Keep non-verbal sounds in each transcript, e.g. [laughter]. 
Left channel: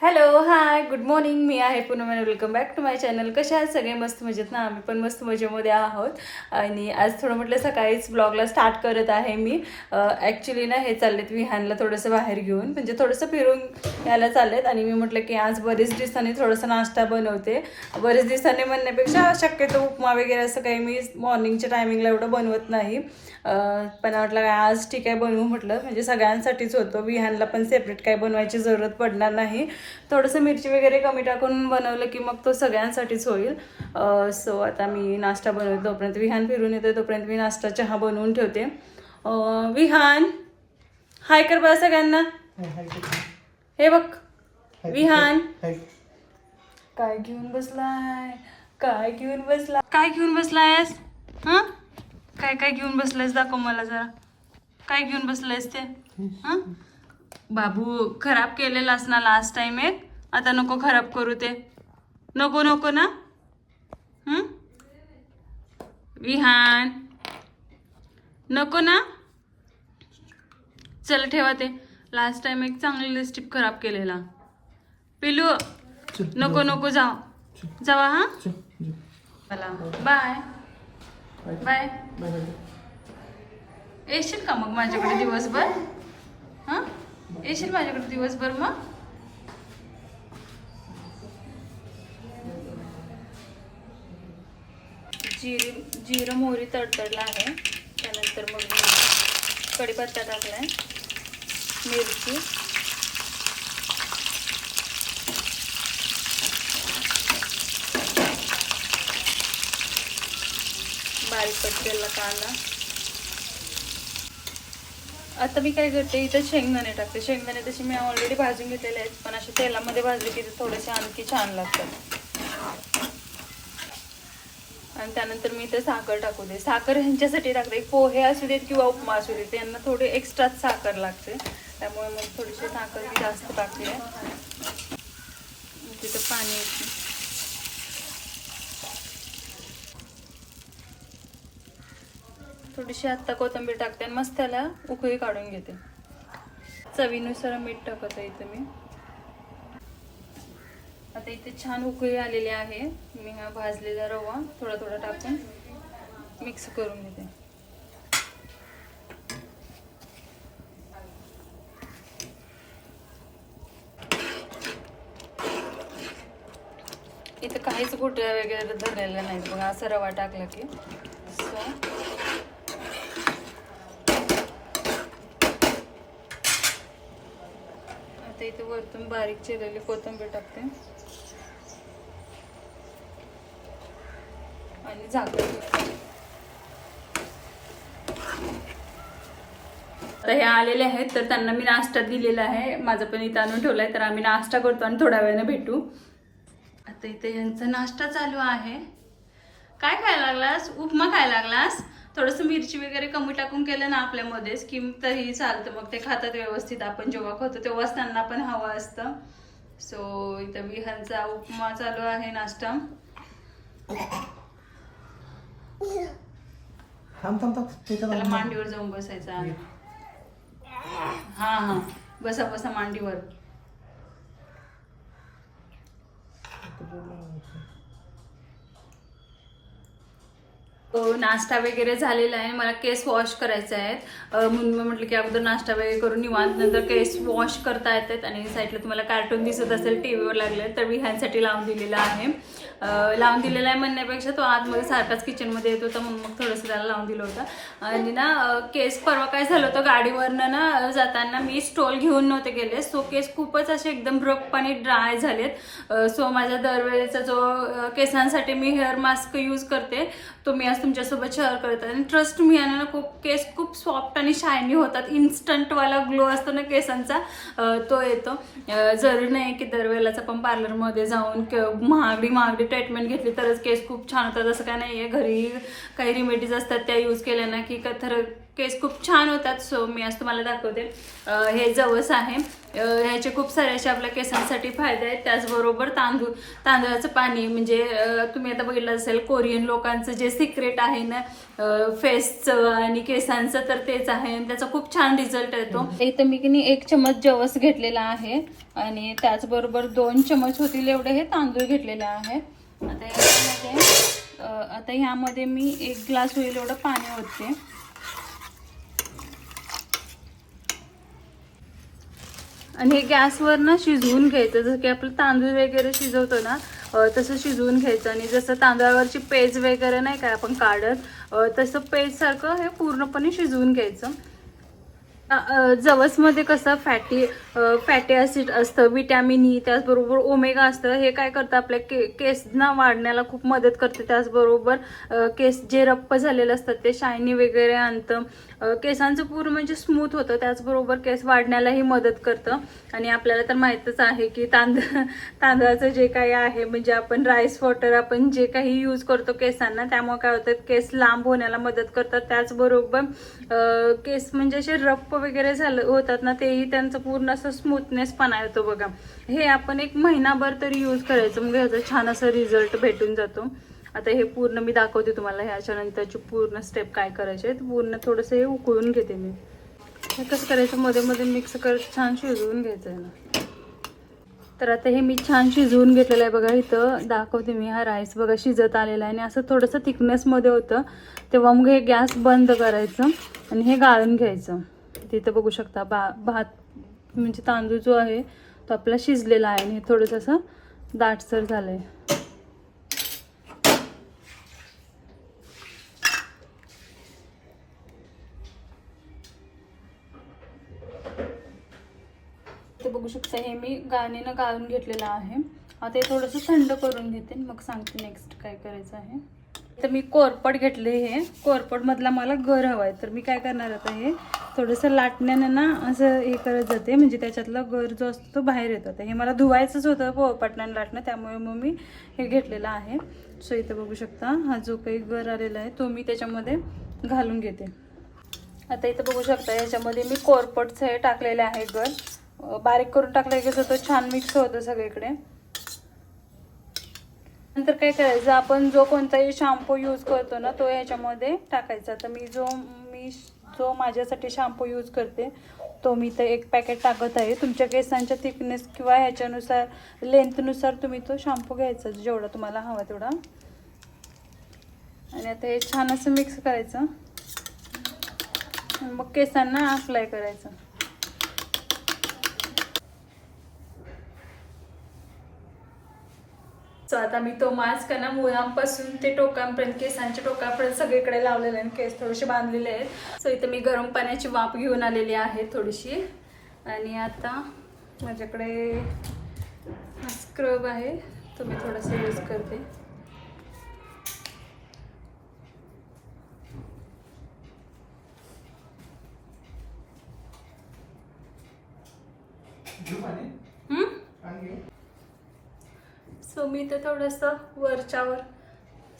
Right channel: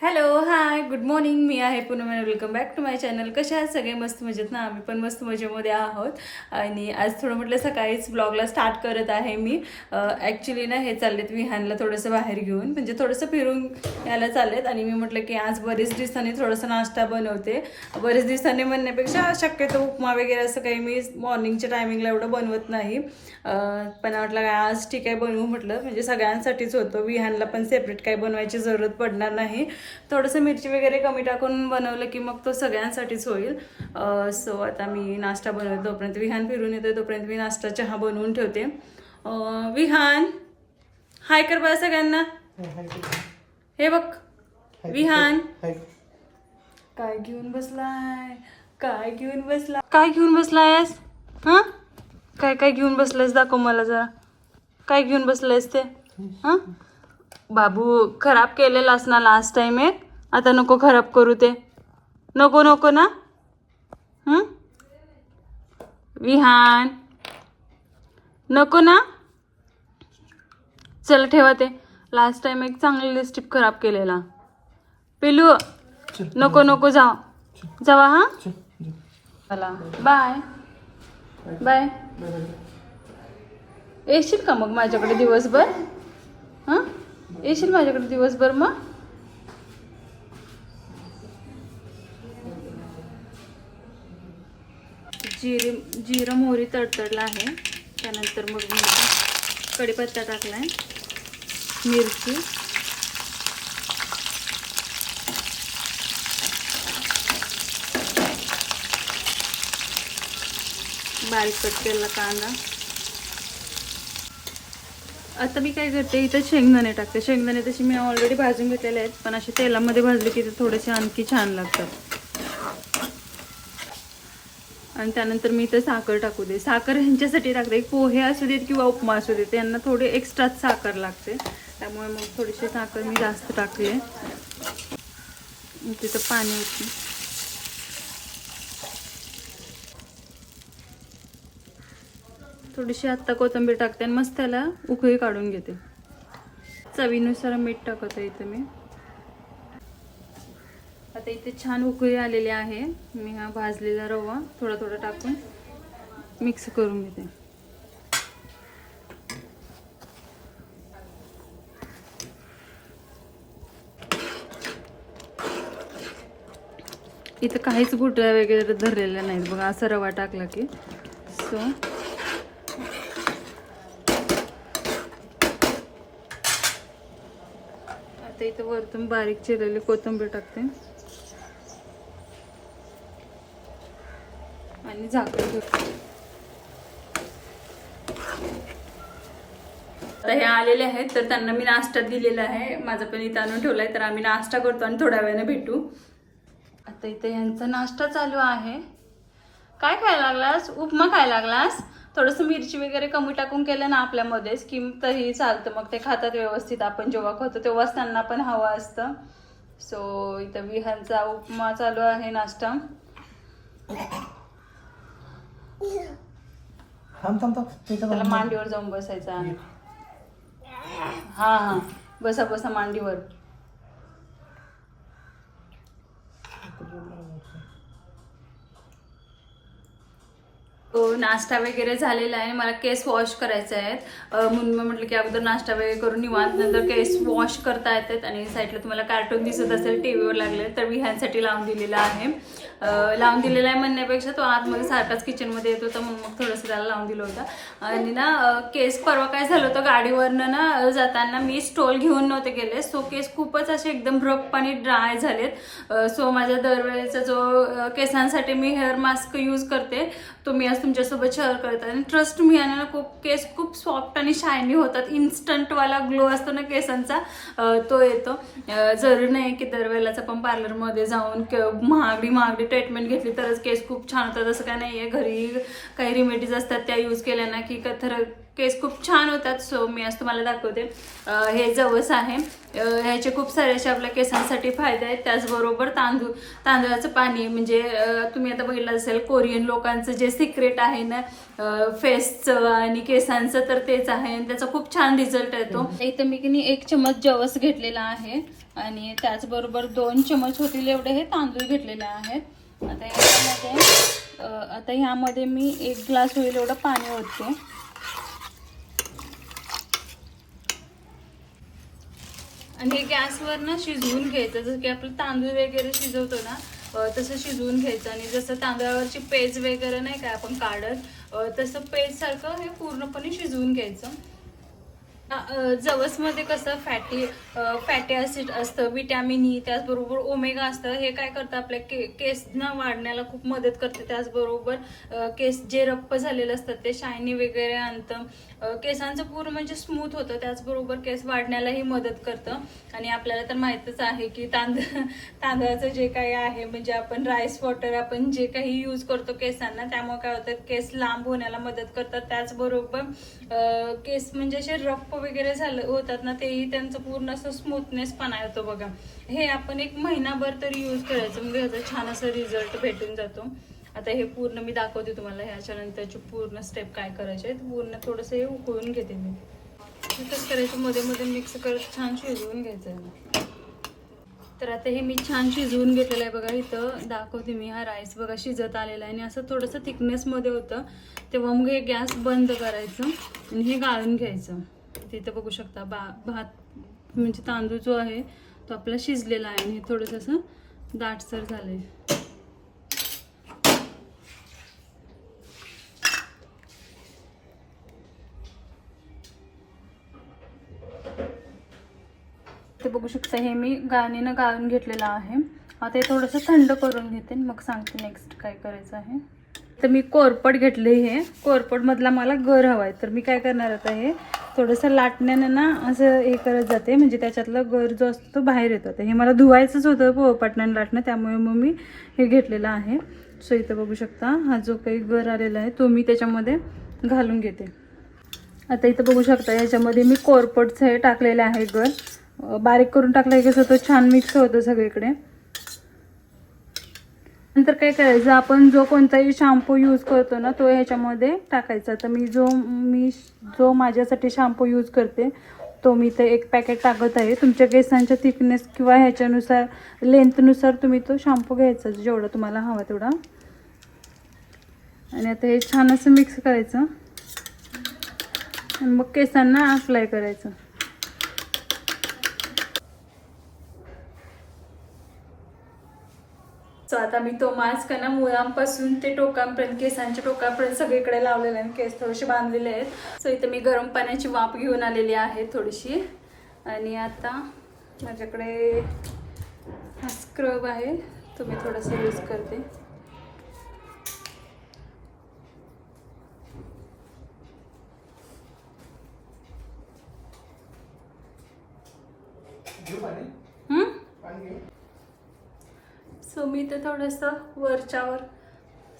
Hello hi good morning मी आहे Poonam welcome back to my channel कशा आहात सगळे? मस्त मजेत ना? आम्ही पण मस्त मजेमध्ये आहोत. आणि आज थोडं म्हटलं सकाळीच ब्लॉगला स्टार्ट करत आहे मी. ॲक्च्युली ना हे चाललेत विहानला थोडंसं बाहेर घेऊन. म्हणजे थोडंसं फिरून यायला चाललेत. आणि मी म्हटलं की आज बरेच दिवसांनी थोडंसं नाश्ता बनवते. बरेच दिवसांनी म्हणण्यापेक्षा शक्यतो उपमा वगैरे असं काही मी मॉर्निंगच्या टायमिंगला एवढं बनवत नाही. पण म्हटलं काय आज ठीक आहे बनवू म्हटलं. म्हणजे सगळ्यांसाठीच होतं. विहानला पण सेपरेट काही बनवायची जरूरत पडणार नाही. थोडंसं मिरची वगैरे कमी टाकून बनवलं की मग तो सगळ्यांसाठीच होईल. सो आता मी नाश्ता बनवते तोपर्यंत. विहान फिरून येते तोपर्यंत मी नाश्ता चहा बनवून ठेवते. विहान. हाय कर बा सगळ्यांना. हे बघ. विहान. काय घेऊन बसलाय? काय घेऊन बसला? काय घेऊन बसलायस? हा? काय काय घेऊन बसलायस दाखव मला जरा. काय घेऊन बसलायस ते? हा? बाबू खराब केलेलास ना लास्ट टाइम एक. आता नको खराब करू ते. नको नको ना? विहान. नको ना? चल ठेवा ते. लास्ट टाइम एक चांगलं लिपस्टिक खराब केलेला. पिलू नको नको जा जावा हा? चला बाय बाय. येशील का मग माझ्याकडे दिवसभर? हां? येशील माझ्याकडे दिवसभर मग? जिरे जिरं मोहरी तडतडला आहे. त्यानंतर मग मी कढीपत्ता टाकला आहे मिरची. बारीक कट केलेला कांदा. आता मी काय करते इथं शेंगदाणे टाकते. शेंगदाणे तसे मी ऑलरेडी भाजून घेतलेले आहेत पण असे तेलामध्ये भाजले की ते थोडेसे आणखी छान लागतात. आणि त्यानंतर मी इथं साखर टाकू दे. साखर ह्यांच्यासाठी टाकते. पोहे असू देत किंवा उपमा असू देत त्यांना थोडे एक्स्ट्राच साखर लागते. त्यामुळे मग थोडीशी साखर मी जास्त टाकली आहे तिथं पाणी थोडीशी आत्ता कोथिंबीर टाकते आणि मस्त त्याला उकळी काढून घेते. चवीनुसार मीठ टाकत आहे इथं मी. आता इथे छान उकळी आलेली आहे. मी हा भाजलेला रवा थोडा थोडा टाकून मिक्स करून घेते. इथं काहीच गुटळ्या वगैरे धरलेल्या नाहीत बघा असा रवा टाकला की. सो आता इथं वरतून बारीक चिरलेली कोथिंबीर टाकते. आणि झाकण आता हे आलेले आहेत तर त्यांना मी नाश्ता दिलेला आहे. माझं पण इथं आणून ठेवलाय तर आम्ही नाश्ता करतो आणि थोड्या वेळाने भेटू. आता इथे यांचा नाश्ता चालू आहे. काय खायला लागलास? उपमा खायला लागलास? थोडंसं मिरची वगैरे कमी टाकून केलं ना आपल्यामध्येच की तरी चालतं. मग ते खातात व्यवस्थित. आपण जेव्हा खातो तेव्हाच त्यांना पण हवं असतं. सो इथं विहानचा उपमा चालू आहे नाश्ता. त्याला मांडीवर जाऊन बसायचं आहे. हा हा. बसा बसा मांडीवर. नाश्ता वगैरे झालेला आहे. मला केस वॉश करायचे आहेत. म्हणून मी म्हटलं की अगोदर नाश्ता वगैरे करून निवांत नंतर केस वॉश करता येतात आणि साईडला तुम्हाला कार्टून दिसत असेल टी व्हीवर लागले तर मी ह्यांसाठी लावून दिलेला आहे. लावून दिलेला आहे म्हणण्यापेक्षा तो आतमध्ये सारखाच किचनमध्ये येत होता म्हणून मग थोडंसं त्याला लावून दिलं होतं. आणि ना केस परवा काय झालं होतं गाडीवरनं ना जाताना मी स्टोल घेऊन नव्हते गेले. सो केस खूपच असे एकदम रफपणे ड्राय झालेत. सो माझ्या दरवेळेचा जो केसांसाठी मी हेअर मास्क यूज करते तो मी असं तुमच्यासोबत शेअर करत आहे. आणि ट्रस्ट मी आणि ना खूप केस खूप सॉफ्ट आणि शायनी होतात. इन्स्टंटवाला ग्लो असतो ना केसांचा. तो येतो. जरुरी नाही की दरवेळेलाच आपण पार्लरमध्ये जाऊन क- महागडी महागडी ट्रीटमेंट घेतली तरच केस खूप छान होतात. असं काय नाही आहे घरी काही रिमेडीज असतात त्या यूज केल्या ना की खर केस खूप छान होतात सो मी आज तुम्हाला दाखवते. हे जवस आहे. ह्याचे खूप सारे असे आपल्या केसांसाठी फायदे आहेत. त्याचबरोबर तांदूळ. तांदळाचं पाणी म्हणजे तुम्ही आता बघितलं असेल कोरियन लोकांचं जे सिक्रेट आहे ना फेसचं आणि केसांचं तर तेच आहे. आणि त्याचा खूप छान रिझल्ट येतो इथं मी की नाही एक चमच जवस घेतलेला आहे. आणि त्याचबरोबर दोन चमच होतील एवढे हे तांदूळ घेतलेले आहेत आता यामध्ये आता ह्यामध्ये मी एक ग्लास होईल एवढं पाणी होते आणि हे गॅसवर ना शिजवून घ्यायचं. जसं की आपलं तांदूळ वगैरे शिजवतो ना तसं शिजवून घ्यायचं. आणि जसं तांदळावरची पेज वगैरे नाही काय आपण काढत तसं पेज सारखं हे पूर्णपणे शिजवून घ्यायचं. जवसमध्ये कसं फॅटी फॅटी ॲसिड असतं विटॅमिन ई त्याचबरोबर ओमेगा असतं. हे काय करतं आपल्या के केसना वाढण्याला खूप मदत करते. त्याचबरोबर केस जे रप्प झालेले असतात ते शायनी वगैरे आणतं. केसांचं पूर्ण म्हणजे स्मूथ होतं त्याचबरोबर केस वाढण्यालाही मदत करतं. आणि आपल्याला तर माहीतच आहे की तांदूळ [laughs] तांदळाचं जे काही आहे म्हणजे आपण राईस वॉटर आपण जे काही यूज करतो केसांना त्यामुळे काय होतं केस लांब होण्याला मदत करतात. त्याचबरोबर केस म्हणजे असे रप्प वगैरे झालं होतात ना तेही त्यांचं पूर्ण असं स्मूथनेस पणा येतो बघा. हे आपण एक महिनाभर तरी यूज करायचं म्हणजे ह्याचा छान असा रिझल्ट भेटून जातो. आता हे पूर्ण मी दाखवते तुम्हाला ह्याच्यानंतरची पूर्ण स्टेप काय करायचे पूर्ण थोडंसं हे उकळून घेते मी. हे कसं करायचं? मध्ये मध्ये मिक्स करत छान शिजवून घ्यायचं आहे ना. तर आता हे मी छान शिजवून घेतलेलं आहे बघा इथं. दाखवते मी. हा राईस बघा शिजत आलेला आहे आणि असं थोडंसं थिकनेसमध्ये होतं. तेव्हा मग हे गॅस बंद करायचं आणि हे गाळून घ्यायचं. तिथं बघू शकता बा भात म्हणजे तांदूळ जो आहे तो आपला शिजलेला आहे आणि हे थोडंसं असं दाटसर झालं आहे बघू शकता हे मी गाणीनं गाळून घेतलेलं आहे. आता हे थोडंसं थंड करून घेते मग सांगते नेक्स्ट काय करायचं आहे. तर मी कोरपड घेतले हे. कोरपडमधला मला गर हवा आहे तर मी काय करणार आता हे थोडंसं लाटण्यानं ना असं हे करत जाते. म्हणजे त्याच्यातला गर जो असतो तो बाहेर येतो. आता हे मला धुवायचंच होतं पोळपाटण्यानं लाटणं त्यामुळे मग मी हे घेतलेलं आहे. सो इथं बघू शकता हा जो काही गर आलेला आहे तो मी त्याच्यामध्ये घालून घेते. आता इथं बघू शकता याच्यामध्ये मी कोरपडचं हे टाकलेलं आहे गर. बारीक करून टाकलं की कसं तो छान मिक्स होतं सगळीकडे. नंतर काय करायचं आपण जो कोणताही शॅम्पू यूज करतो ना तो ह्याच्यामध्ये टाकायचा. तर मी जो मी जो माझ्यासाठी शॅम्पू यूज करते तो मी ते एक पॅकेट टाकत आहे. तुमच्या केसांच्या थिकनेस किंवा ह्याच्यानुसार लेंथनुसार तुम्ही तो शॅम्पू घ्यायचा जेवढा तुम्हाला हवा तेवढा. आणि आता हे छान असं मिक्स करायचं. मग केसांना अप्लाय करायचं. सो आता मी तो मास्क ना मुळांपासून ते टोकांपर्यंत केसांच्या टोकांपर्यंत सगळीकडे लावलेले आहे केस थोडेसे बांधलेले आहेत. सो इथे मी गरम पाण्याची वाफ घेऊन आलेली आहे थोडीशी. आणि आता माझ्याकडे हा स्क्रब आहे. तो मी थोडासा यूज करते. हम्म? सो मी ते थोडंसं वरच्यावर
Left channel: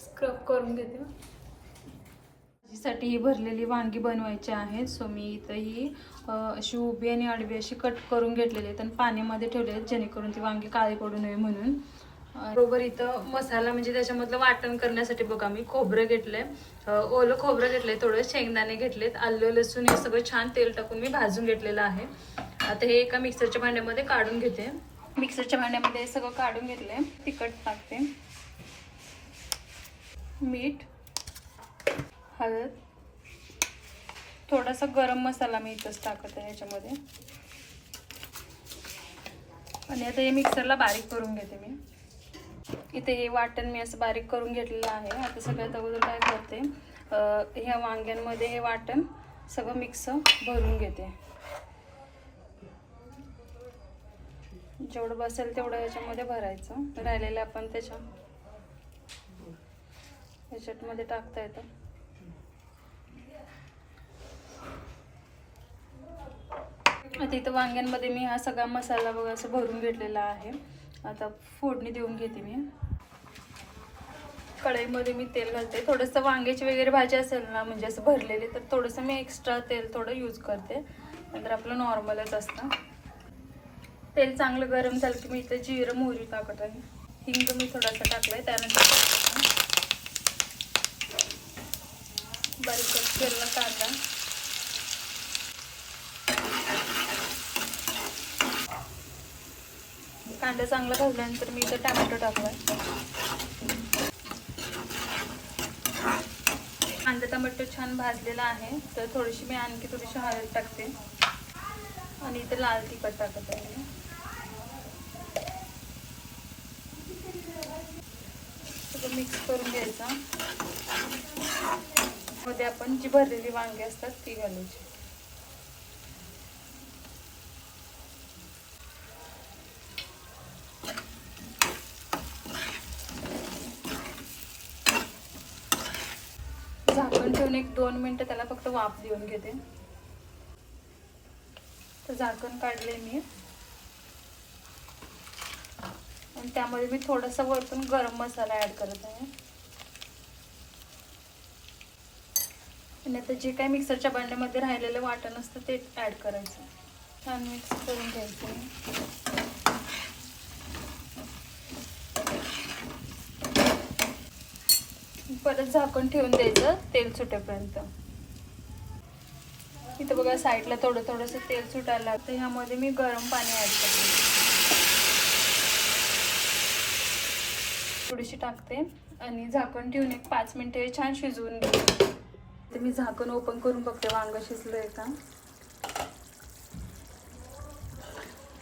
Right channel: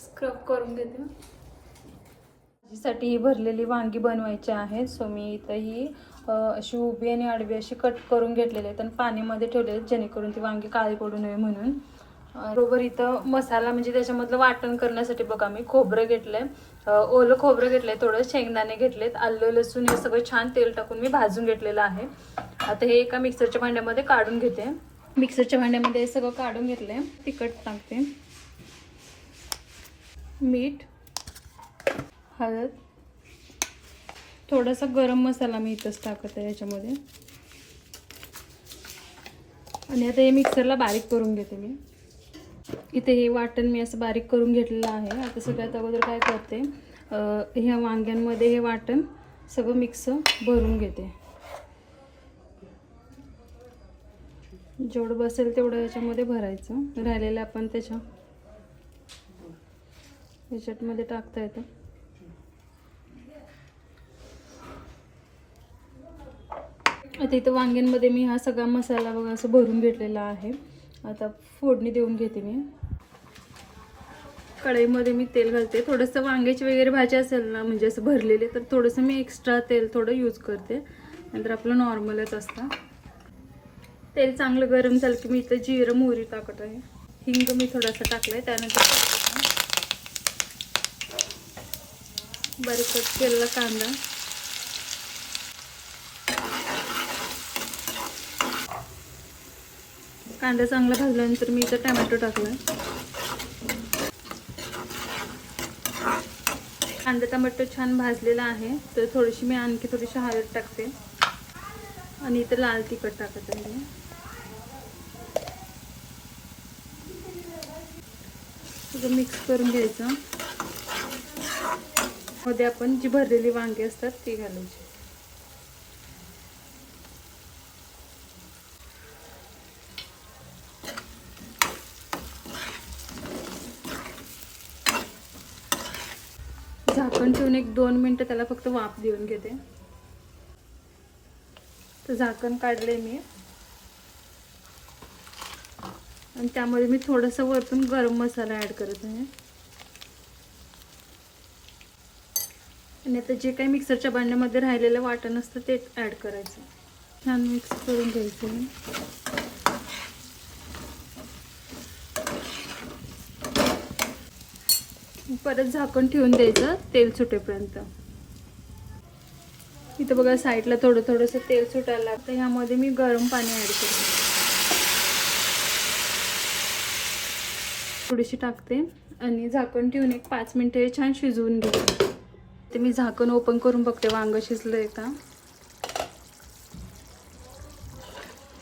स्क्रब करून घेते. भाजीसाठी ही भरलेली वांगी बनवायची आहेत सो मी इथं ही अशी उभी आणि आडवी अशी कट करून घेतलेली आहेत आणि पाण्यामध्ये ठेवले आहेत जेणेकरून ती वांगी काळी पडू नये म्हणून. बरोबर इथं मसाला म्हणजे त्याच्यामधलं वाटण करण्यासाठी बघा मी खोबरं घेतलंय. आहे ओलं खोबरं घेतलंय थोडं शेंगदाणे घेतलेत आलं लसूण हे सगळं छान तेल टाकून मी भाजून घेतलेलं आहे. आता हे एका मिक्सरच्या भांड्यामध्ये काढून घेते. मिक्सरच्या भांड्यामध्ये सगळं काढून घेतलं आहे तिखट टाकते. मीठ हळद. थोडासा गरम मसाला मी इथंच टाकत आहे याच्यामध्ये. आणि आता हे मिक्सरला बारीक करून घेते मी. इथे हे वाटण मी असं बारीक करून घेतलेलं आहे. आता सगळ्यात अगोदर काय करते ह्या वांग्यांमध्ये हे वाटण सगळं मिक्स भरून घेते. जेवढं बसेल तेवढं याच्यामध्ये भरायचं. राहिलेलं आपण त्याच्या याच्यामध्ये टाकता येतं. आता इथं वांग्यांमध्ये मी हा सगळा मसाला बघा असं भरून घेतलेला आहे. आता फोडणी देऊन घेते मी. कढईमध्ये मी तेल घालते. थोडंसं वांग्याची वगैरे भाजी असेल ना म्हणजे असं भरलेली तर थोडंसं मी एक्स्ट्रा तेल थोडं यूज करते. नंतर आपलं नॉर्मलच असतं. तेल चांगलं गरम झालं की मी इथं जिरं मोहरी टाकत आहे. हिंग मी थोडासा टाकलाय त्यानंतर बारीक कट केलेला कांदा. कांदा चांगला भाजल्यानंतर मी इथं टॅमॅटो टाकला कांदा टमाटो छान भाजलेला आहे तर थोडीशी मी आणखी थोडीशी हळद टाकते. आणि इथं लाल तिखट टाकत आहे. असं मिक्स करून घ्यायचं मध्ये आपण जी भरलेली वांगी असतात ती घालायची. झाकण ठेवून एक दोन मिनटं त्याला फक्त वाफ देऊन घेते. तर झाकण काढले मी. आणि त्यामध्ये मी थोडासा वरतून गरम मसाला ॲड करत आहे. आणि आता जे काही मिक्सरच्या भांड्यामध्ये राहिलेलं वाटण असतं ते ॲड करायचं. छान मिक्स करून घ्यायचं परत झाकून ठेवून द्यायचं तेल सुटेपर्यंत. इथं बघा साईडला थोडं थोडंसं तेल सुटायला लागतं. ह्यामध्ये मी गरम पाणी ॲड करते. थोडीशी टाकते आणि झाकण ठेवून एक पाच मिनिटं छान शिजवून घेते. ते मी झाकण ओपन करून बघते वांगं शिजलं आहे का?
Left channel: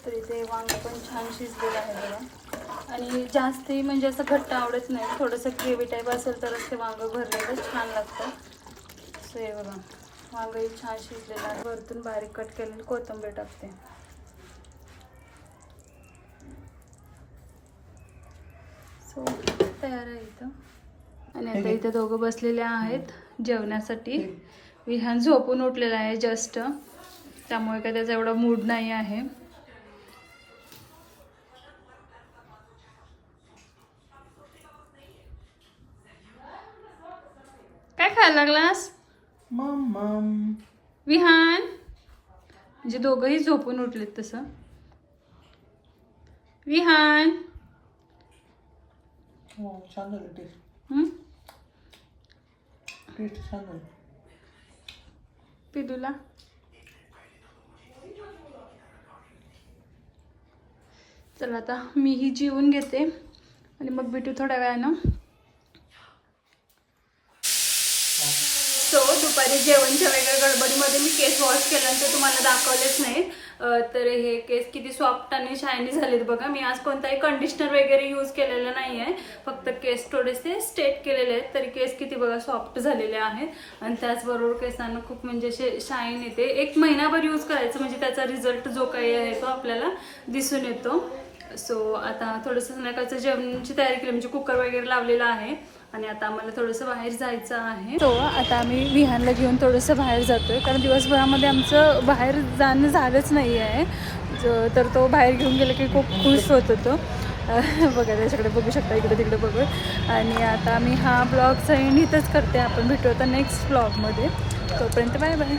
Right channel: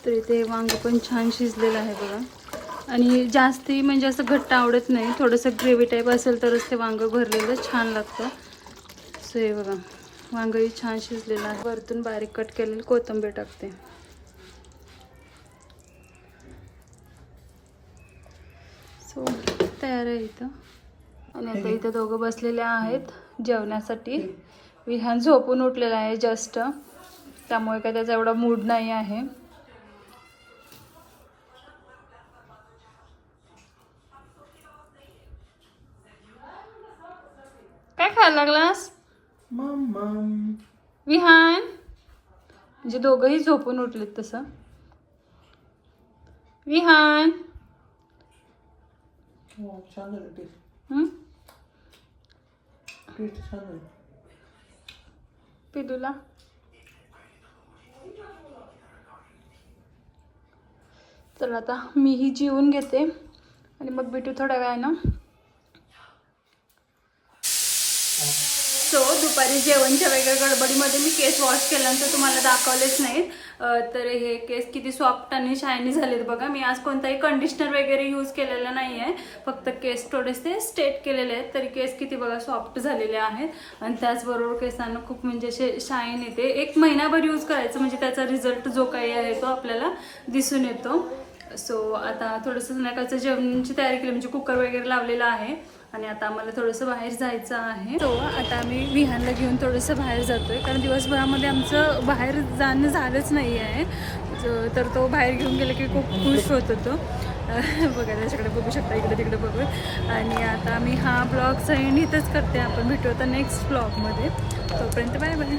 तर इथे वांग पण छान शिजलेलं आहे बघा. आणि जास्ती म्हणजे असं घट्ट आवडत नाही थोडंसं ग्रेव्ही टाईप असेल तरच ते वांग भरलेलं छान लागतं. सो हे बघा वांगही छान शिजलेलं आहे. वरतून बारीक कट केलेली कोथिंबीर टाकते. सो तयार आहे इथं. आणि आता इथं दोघं बसलेले आहेत जेवण्यासाठी विहान झोपून उठलेला आहे जस्ट. त्यामुळे काय त्याचा एवढा मूड नाही आहे. काय खायला लागलास? विहान. म्हणजे दोघंही झोपून उठलेत तसं. विहान. छान झालं टेस्ट हं? टेस्ट छान झालं. पिदूला? चला आता मीही जेवून घेते. आणि मग भेटू थोड्या वेळानं. सो दुपारी जेवणच्या वेगळ्या गडबडीमध्ये मी केस वॉश केल्यानंतर तुम्हाला दाखवलेच नाहीत. अं, तर हे केस किती सॉफ्ट आणि शायनी झालेत बघा. मी आज कोणताही कंडिशनर वगैरे यूज केलेलं नाही आहे फक्त केस थोडेसे स्टेट केलेले आहेत. तरी केस किती बघा सॉफ्ट झालेले आहेत. आणि त्याचबरोबर केसांना खूप म्हणजे असे शाईन येते. एक महिनाभर यूज करायचं म्हणजे त्याचा रिझल्ट जो काही आहे तो आपल्याला दिसून येतो. सो आता थोडंसं संध्याकाळचं जेवणाची तयारी केली. म्हणजे कुकर वगैरे लावलेला आहे. आणि आता आम्हाला थोडंसं बाहेर जायचं आहे. सो आता आम्ही विहानला घेऊन थोडंसं बाहेर जातोय. कारण दिवसभरामध्ये आमचं बाहेर जाणं झालंच नाही आहे ज- तर तो बाहेर घेऊन गेला की खूप खुश होत होतो. [laughs] बघा त्याच्याकडे बघू शकता इकडे तिकडे बघू. आणि आता आम्ही हा ब्लॉग एंड इथंच करते. आपण भेटू आता नेक्स्ट ब्लॉगमध्ये तोपर्यंत बाय बाय.